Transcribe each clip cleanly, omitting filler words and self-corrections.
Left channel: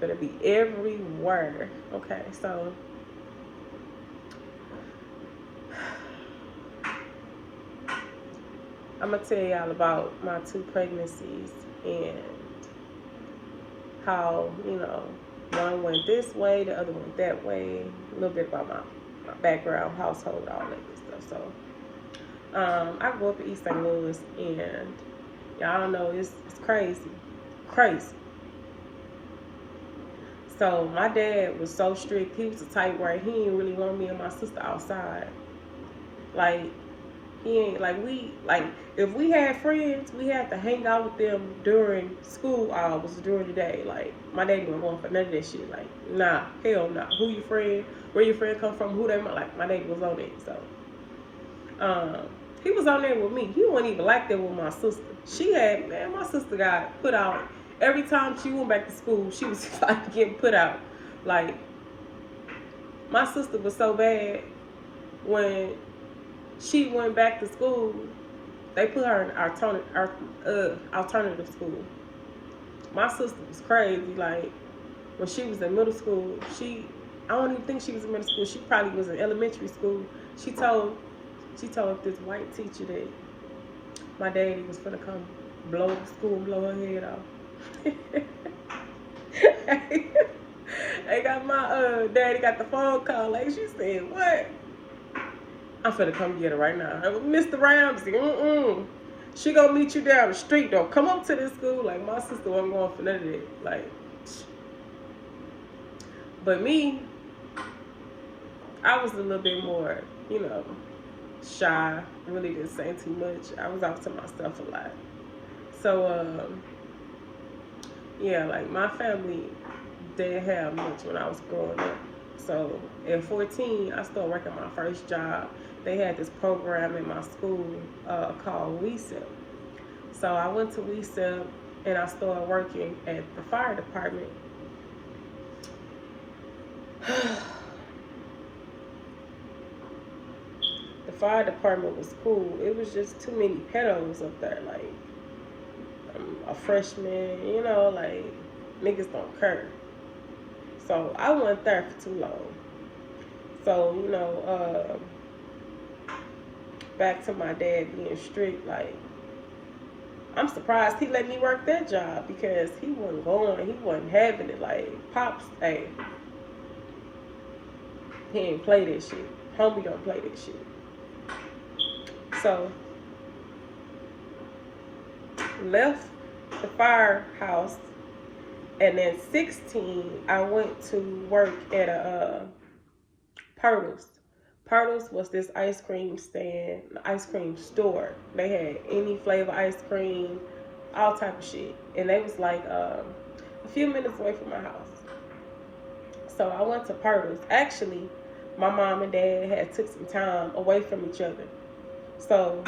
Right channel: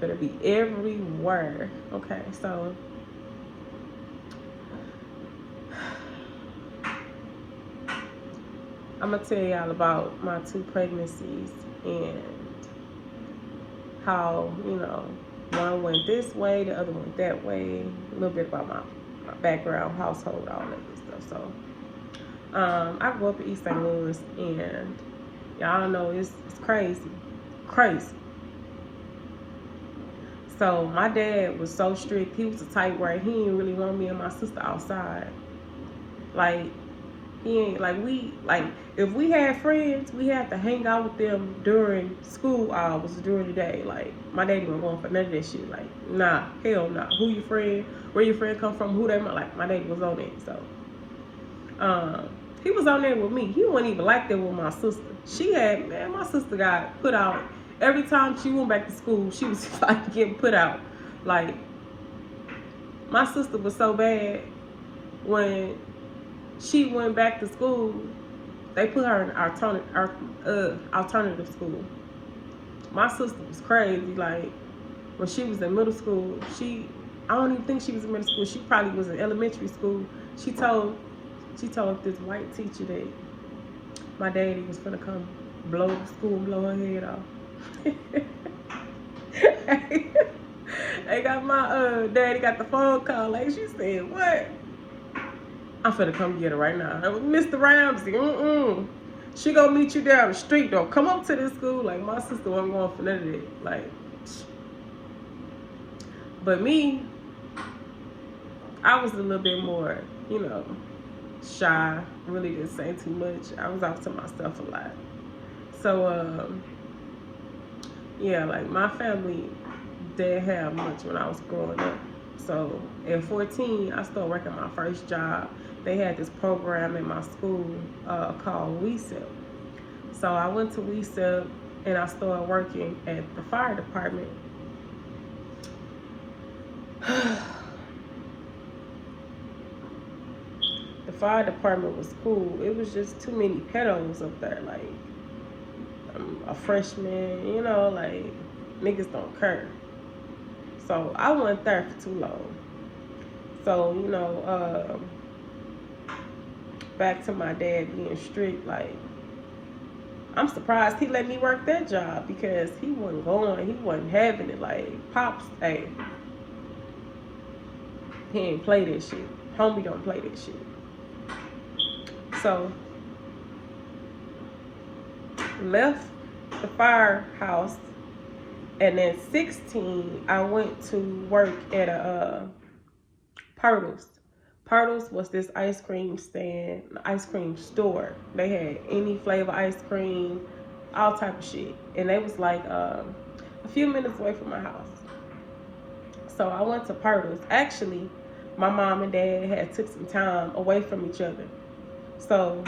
Gonna be everywhere. Okay, so I'm gonna tell y'all about my two pregnancies and how, one went this way, the other went that way. A little bit about my background, household, all that good stuff. So, I grew up in East St. Louis, and y'all know it's crazy, crazy. So my dad was so strict. He was the type where he didn't really want me and my sister outside. Like he ain't like we like if we had friends, we had to hang out with them during school hours during the day. Like my daddy wasn't going for none of that shit. Like nah, hell nah. Who your friend? Where your friend come from? Who they like? My daddy was on it. So um, he was on there with me. He wasn't even like that with my sister. My sister got put out every time she went back to school. She was like getting put out. Like my sister was so bad when she went back to school. They put her in alternative school. My sister was crazy. Like when she was in middle school, I don't even think she was in middle school. She probably was in elementary school. She told this white teacher that my daddy was gonna come blow the school and blow her head off. I got my daddy got the phone call. Like she said, what? I'm finna come get her right now. Mr. Ramsey, she gonna meet you down the street though. Come up to this school. Like my sister wasn't going for none of that. Like, but me, I was a little bit more, shy. Really didn't say too much. I was off to myself a lot. So yeah, like my family didn't have much when I was growing up. So at 14, I started working my first job. They had this program in my school called WeSell. So I went to WeSell and I started working at the fire department. The fire department was cool. It was just too many pedos up there. Like a freshman, like niggas don't care. So I wasn't there for too long. So, back to my dad being strict, like, I'm surprised he let me work that job because he wasn't having it. Like, Pops, hey, he ain't play that shit. Homie don't play that shit. So, left the firehouse, and then 16, I went to work at a Pirtles. Pirtles was this ice cream store. They had any flavor ice cream, all type of shit. And they was like a few minutes away from my house. So I went to Pirtles. Actually, my mom and dad had took some time away from each other. So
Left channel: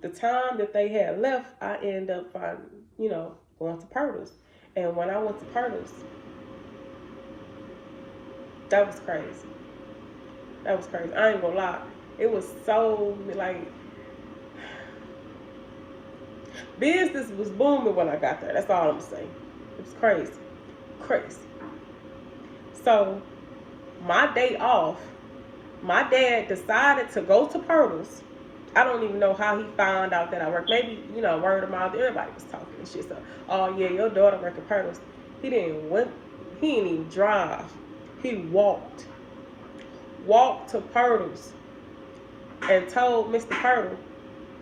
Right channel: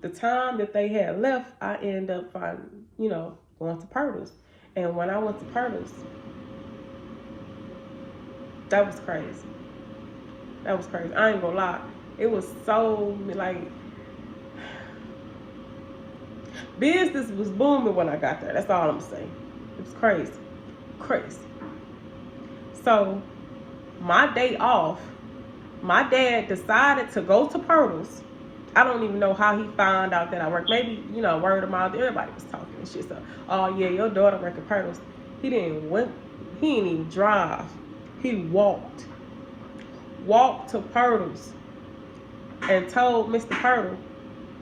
the time that they had left, I ended up going to Pirtles. And when I went to Pirtles, that was crazy. That was crazy. I ain't gonna lie. It was so, like, business was booming when I got there. That's all I'm saying. It was crazy. Crazy. So, my day off, my dad decided to go to Pirtles. I don't even know how he found out that I worked. Maybe, word of mouth. Everybody was talking and shit. So, oh yeah, your daughter worked at Pirtles. He didn't even drive. He walked to Pirtles and told Mr. Pirtle,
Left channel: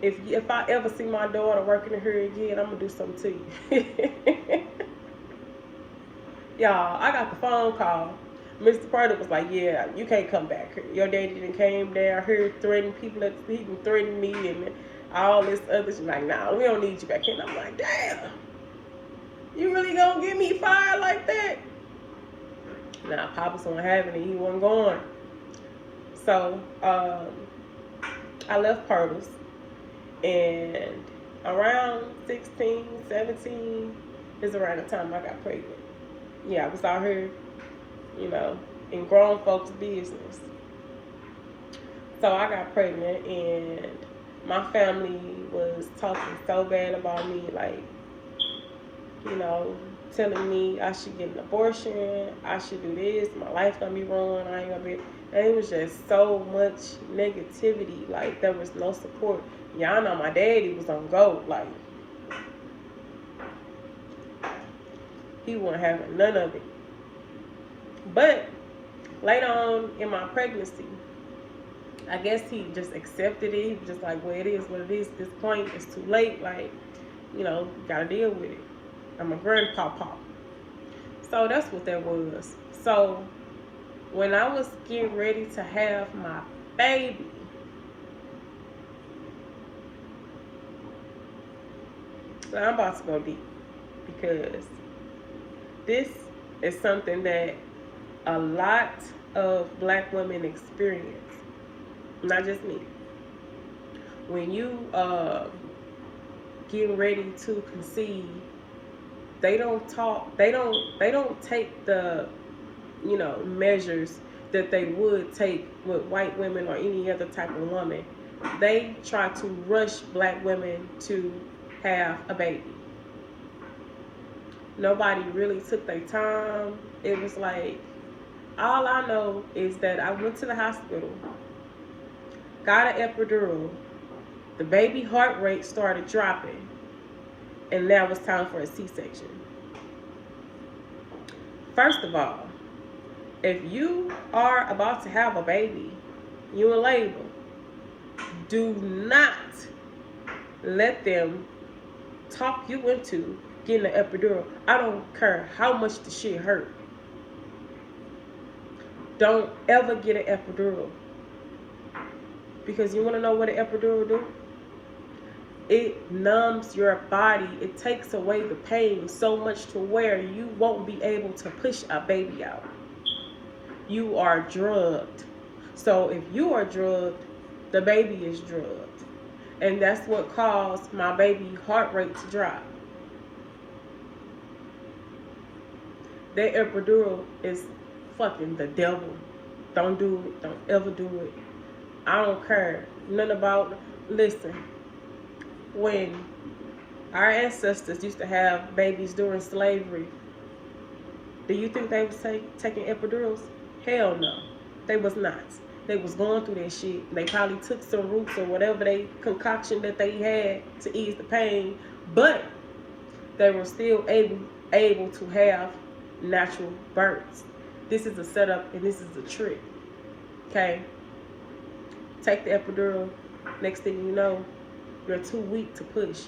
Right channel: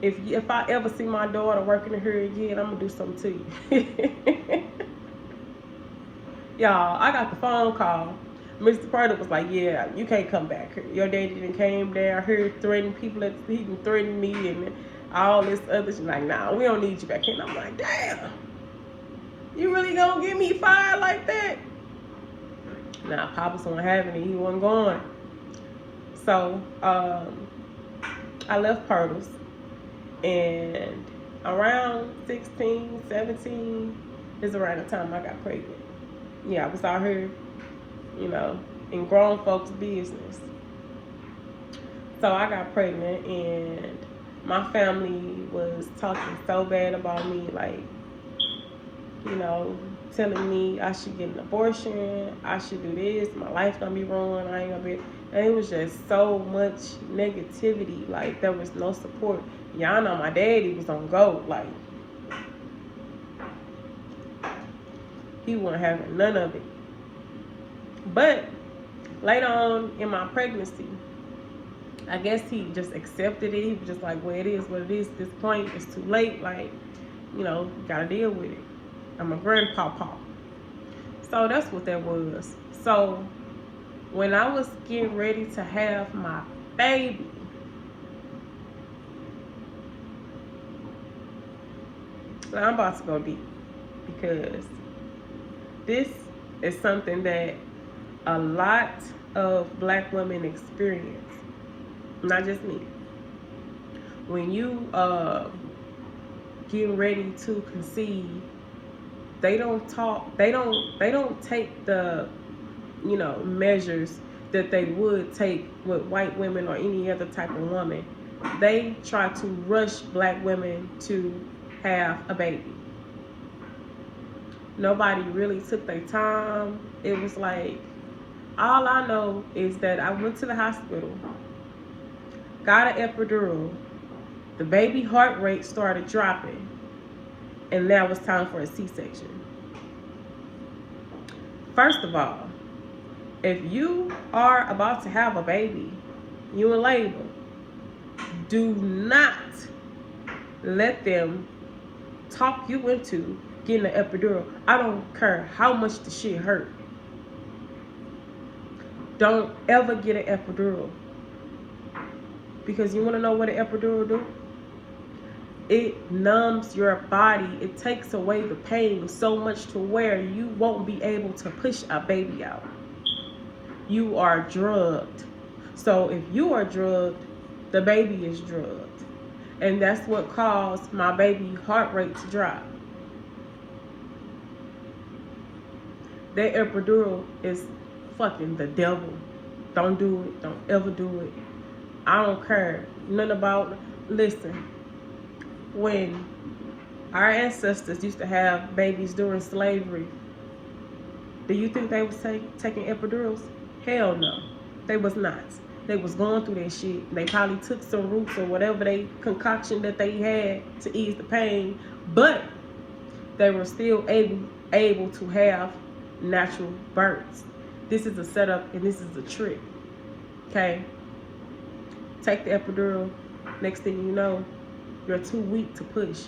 if I ever see my daughter working in here again, I'm gonna do something to you. Y'all, I got the phone call. Mr. Pirtle was like, yeah, you can't come back here. Your daddy didn't came down here threatening people. He can threaten me and all this other shit. Like, nah, we don't need you back here. And I'm like, damn, you really gonna get me fired like that? Nah, Papa's wasn't having it. He wasn't going. So I left Pirtles, and around 16, 17 is around the time I got pregnant. Yeah, I was out here, in grown folks' business. So I got pregnant, and my family was talking so bad about me, like, telling me I should get an abortion, I should do this, my life gonna be ruined, I ain't gonna be. And it was just so much negativity. Like, there was no support. Y'all know my daddy was on go. Like, he wasn't having none of it. But later on in my pregnancy, I guess he just accepted it. He was just like, well, it is what it is at this point. It's too late. Like, you know, gotta deal with it. I'm a grandpapa. So that's what that was. So when I was getting ready to have my baby, so I'm about to go deep, because this is something that a lot of black women experience, not just me. When you getting ready to conceive, they don't take the, you know, measures that they would take with white women or any other type of woman. They try to rush black women to have a baby. Nobody really took their time. It was like, all I know is that I went to the hospital, got an epidural, the baby heart rate started dropping, and now it's time for a C-section. First of all, if you are about to have a baby, you in labor, do not let them talk you into getting an epidural. I don't care how much the shit hurt. Don't ever get an epidural. Because you want to know what an epidural do? It numbs your body. It takes away the pain so much to where you won't be able to push a baby out. You are drugged. So if you are drugged, the baby is drugged. And that's what caused my baby heart rate to drop. That epidural is fucking the devil. Don't do it. Don't ever do it. I don't care nothing about. Listen, when our ancestors used to have babies during slavery, do you think they was taking epidurals? Hell no, they was not. They was going through that shit. They probably took some roots or whatever they concoction that they had to ease the pain, but they were still able to have natural births. This is a setup and this is a trick. Okay, take the epidural. Next thing you know, you're too weak to push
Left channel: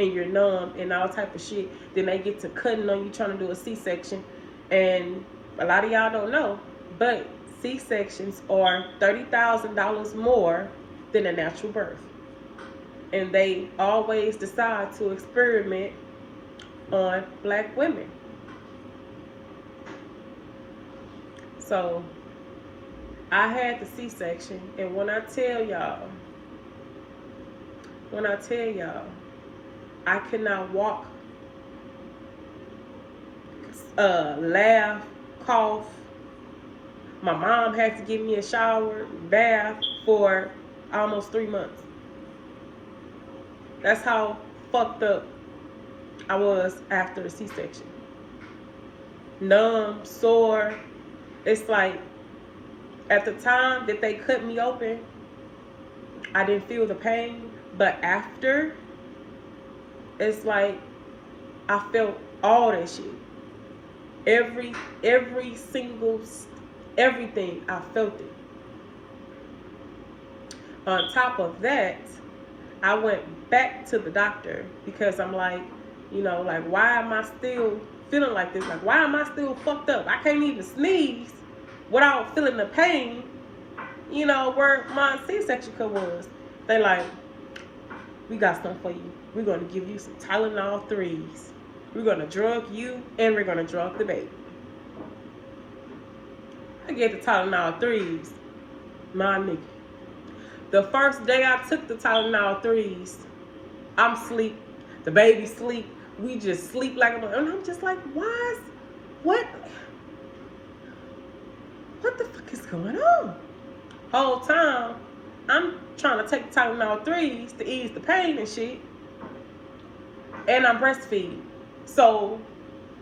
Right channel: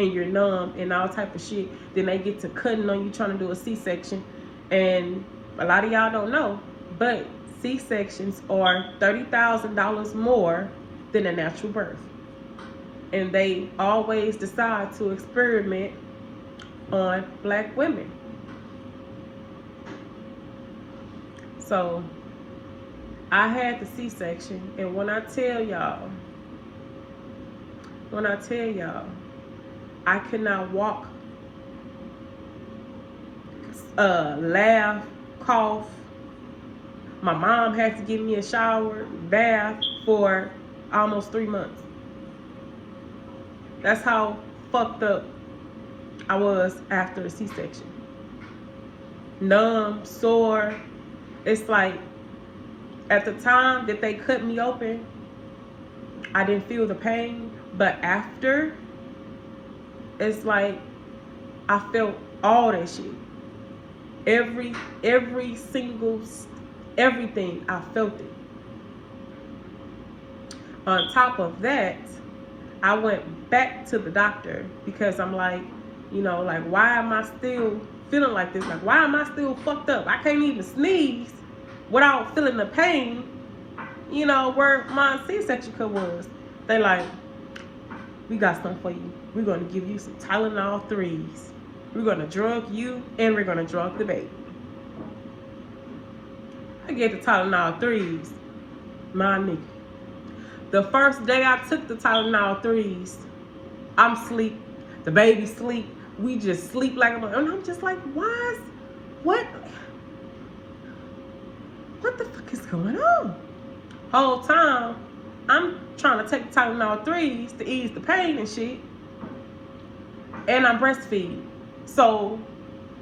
and you're numb and all type of shit. Then they get to cutting on you trying to do a C-section, and a lot of y'all don't know, but C-sections are $30,000 more than a natural birth. And they always decide to experiment on black women. So I had the C-section, and when I tell y'all, I could not walk, laugh, cough. My mom had to give me a shower, bath for almost 3 months. That's how fucked up I was after a C-section. Numb, sore. It's like, at the time that they cut me open, I didn't feel the pain, but after, it's like I felt all that shit. Every single, everything, I felt it. On top of that, I went back to the doctor because I'm like, you know, like, why am I still feeling like this? Like, why am I still fucked up? I can't even sneeze without feeling the pain, you know, where my C-section cut was. They like, we got something for you. We're going to give you some Tylenol 3s. We're going to drug you and we're going to drug the baby. I get the Tylenol 3s, my nigga. The first day I took the Tylenol 3s, I'm asleep. The baby sleep. We just sleep like a, and I'm just like, what the fuck is going on? Whole time, I'm trying to take the Tylenol 3s to ease the pain and shit. And I breastfeed. So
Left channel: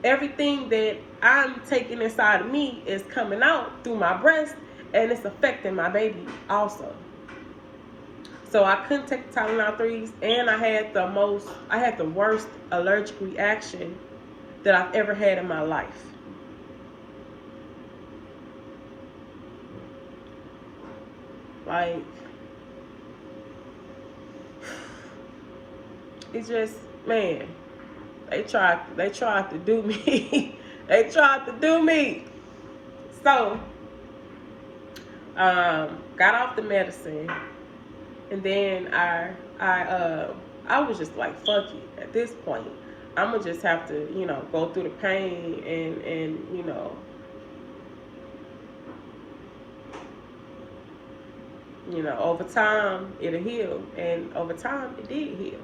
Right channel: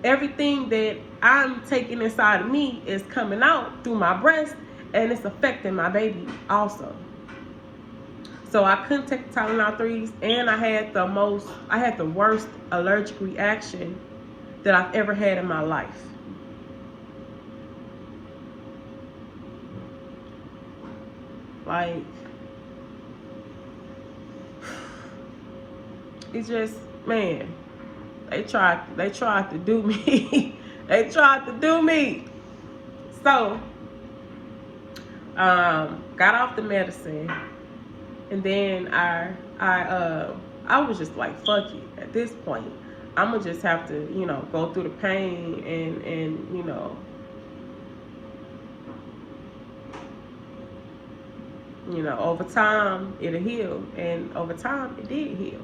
everything that I'm taking inside of me is coming out through my breast, and it's affecting my baby also. So I couldn't take the Tylenol 3s, and I had the worst allergic reaction that I've ever had in my life. Like, it's just, man, they tried to do me. They tried to do me. So, got off the medicine, and then I was just like, fuck it. At this point, I'm gonna just have to, go through the pain and over time it'll heal, and over time it did heal.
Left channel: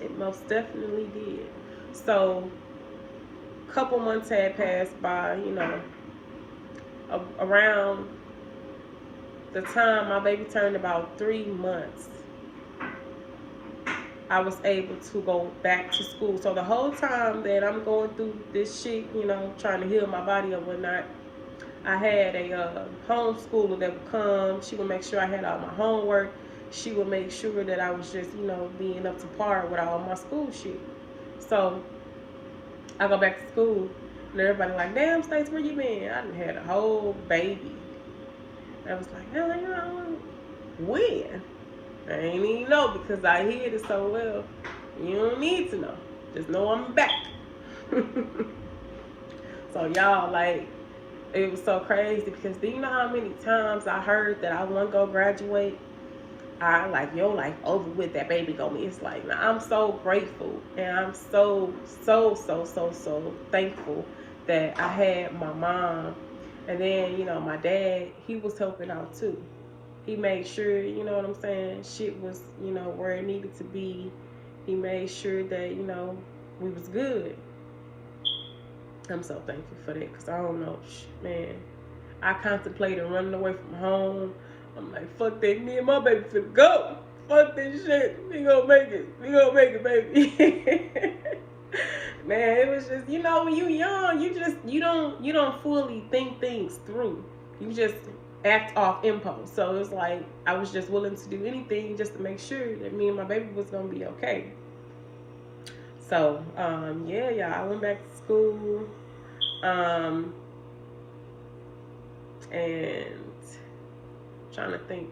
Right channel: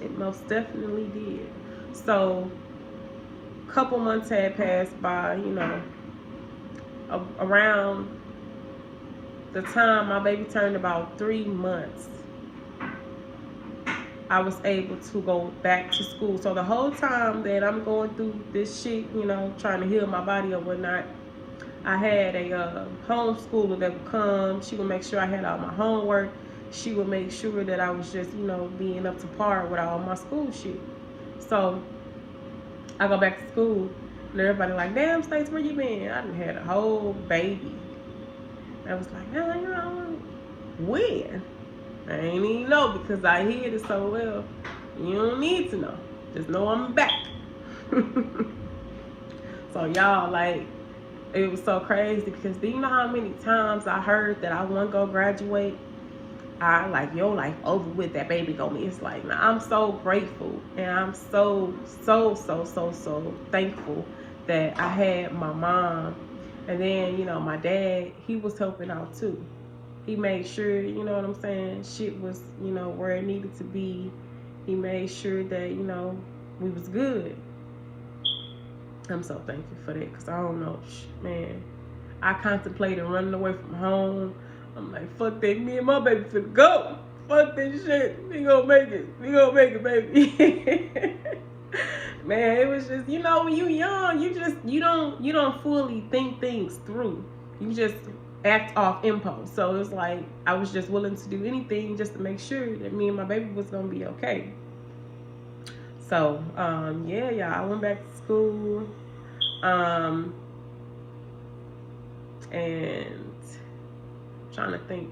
It most definitely did. So, a couple months had passed by, around the time my baby turned about 3 months, I was able to go back to school. So the whole time that I'm going through this shit, trying to heal my body or whatnot, I had a homeschooler that would come. She would make sure I had all my homework. She would make sure that I was just, being up to par with all my school shit. So I go back to school, and everybody like, damn, Stace, where you been? I done had a whole baby. I was like, yeah, when? I ain't even know, because I hid it so well. You don't need to know. Just know I'm back. So y'all, like, it was so crazy, because do you know how many times I heard that I want to go graduate? I like, your life over with, that baby gonna be. It's like, nah, I'm so grateful, and I'm so thankful that I had my mom. And then, my dad, he was helping out too. He made sure, you know what I'm saying, shit was, where it needed to be. He made sure that, we was good. I'm so thankful for that, because I don't know, man, I contemplated running away from home. I'm like, fuck that, me and my baby finna go. Fuck this shit. We gonna make it. We gonna make it, baby. Man, it was just, when you young, you don't fully think things through. You just act off impulse. So it's like, I was just willing to do anything just to make sure that me and my baby was gonna be okay. So, yeah, I went back to school. And trying to think.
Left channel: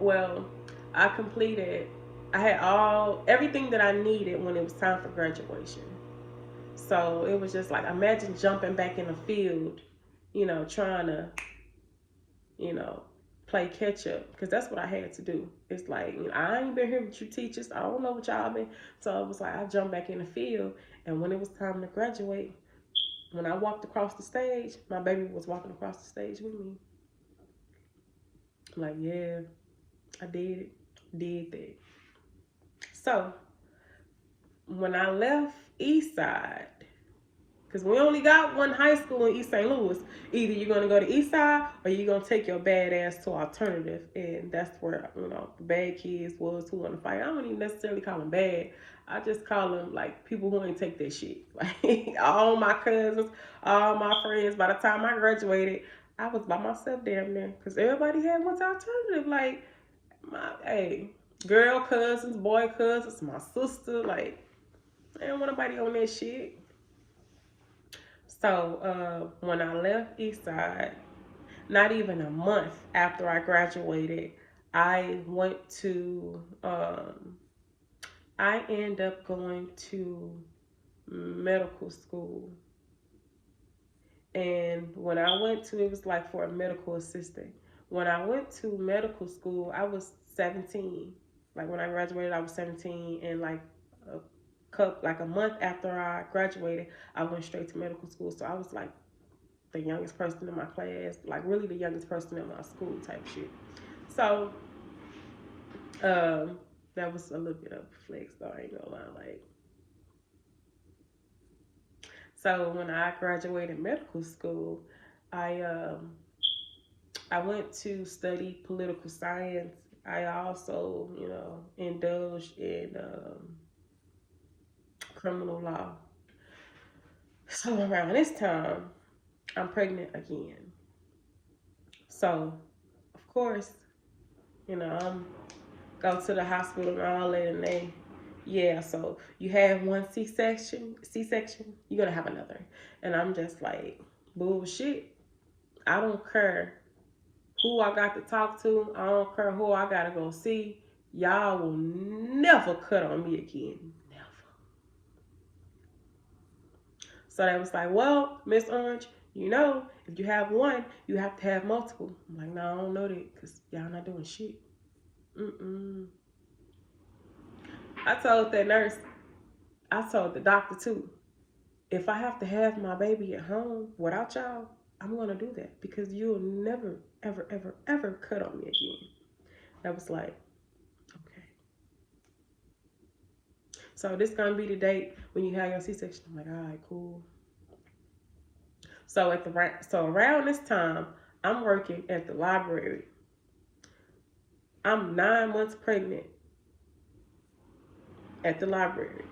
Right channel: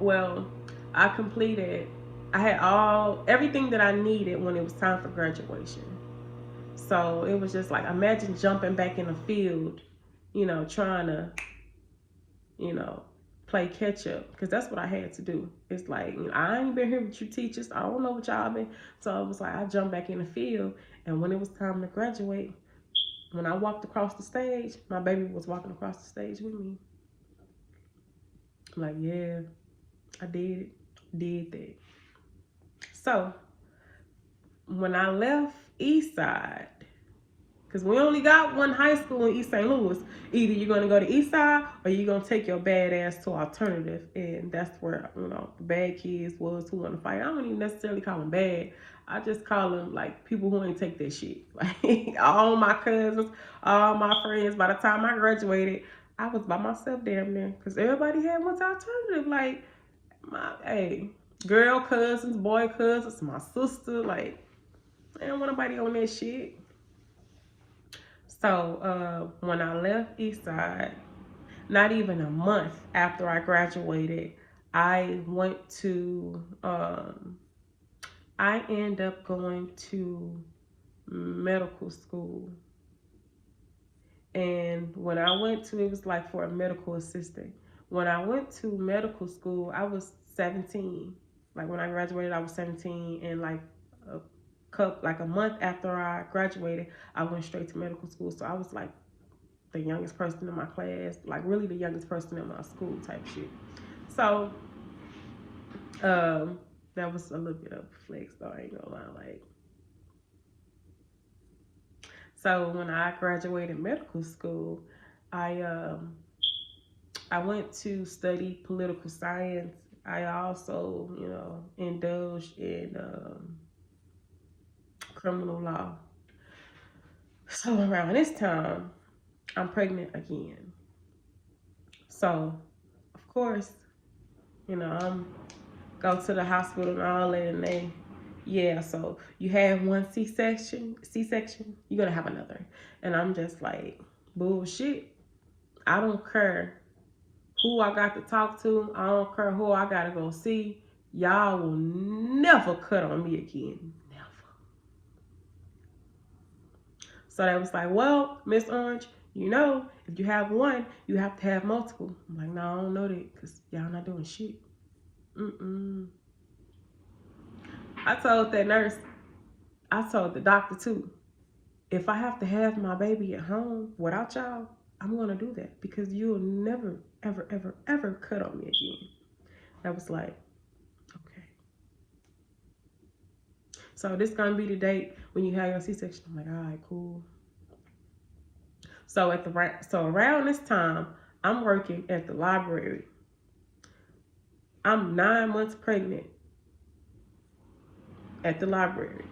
Well, I had everything that I needed when it was time for graduation. So it was just like, imagine jumping back in the field, trying to, play catch up, because that's what I had to do. It's like, I ain't been here with you teachers. I don't know what y'all been. So it was like, I jumped back in the field, and when it was time to graduate, when I walked across the stage, my baby was walking across the stage with me. I'm like, yeah, I did that. So when I left Eastside, because we only got one high school in East St. Louis, either you're going to go to Eastside or you're going to take your bad ass to alternative. And that's where, the bad kids was who want to fight. I don't even necessarily call them bad. I just call them like people who ain't take that shit. Like, all my cousins, all my friends, by the time I graduated, I was by myself damn near, because everybody had went to alternative. Like, girl cousins, boy cousins, my sister, like, I didn't want nobody on that shit. So when I left Eastside, not even a month after I graduated, I went to, I ended up going to medical school. And when I went to, it was like for a medical assistant. When I went to medical school, I was 17. Like, when I graduated, I was 17, and like a month after I graduated, I went straight to medical school. So I was like the youngest person in my class, like really the youngest person in my school type shit. So that was a little bit of a flex, though, I ain't gonna lie. Like, so when I graduated medical school, I went to study political science. I also, indulged in criminal law. So around this time, I'm pregnant again. So, of course, I'm go to the hospital and all that, and they, yeah. So you have one C-section, you're gonna have another, and I'm just like, bullshit. I don't care who I got to talk to. I don't care who I gotta go see. Y'all will never cut on me again. Never. So they was like, well, Miss Orange, if you have one, you have to have multiple. I'm like, no, I don't know that because y'all not doing shit. I told that nurse, I told the doctor too, if I have to have my baby at home without y'all, I'm gonna do that because you'll never, ever, ever, ever cut on me again. I was like, okay. So this gonna be the date when you have your C-section. I'm like, all right, cool. So around this time, I'm working at the library. I'm 9 months pregnant at the library.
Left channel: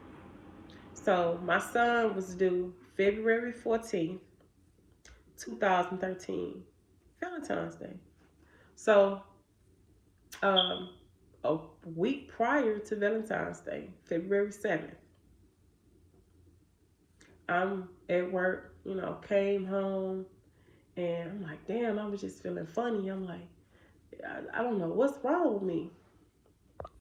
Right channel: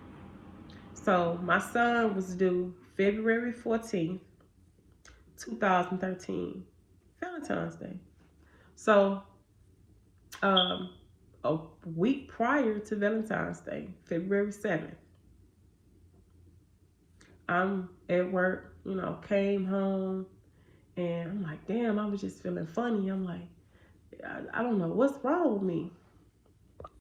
So my son was due February 14th, 2013, Valentine's Day. So a week prior to Valentine's Day, February 7th, I'm at work, came home, and I'm like, damn, I was just feeling funny. I'm like, I don't know what's wrong with me.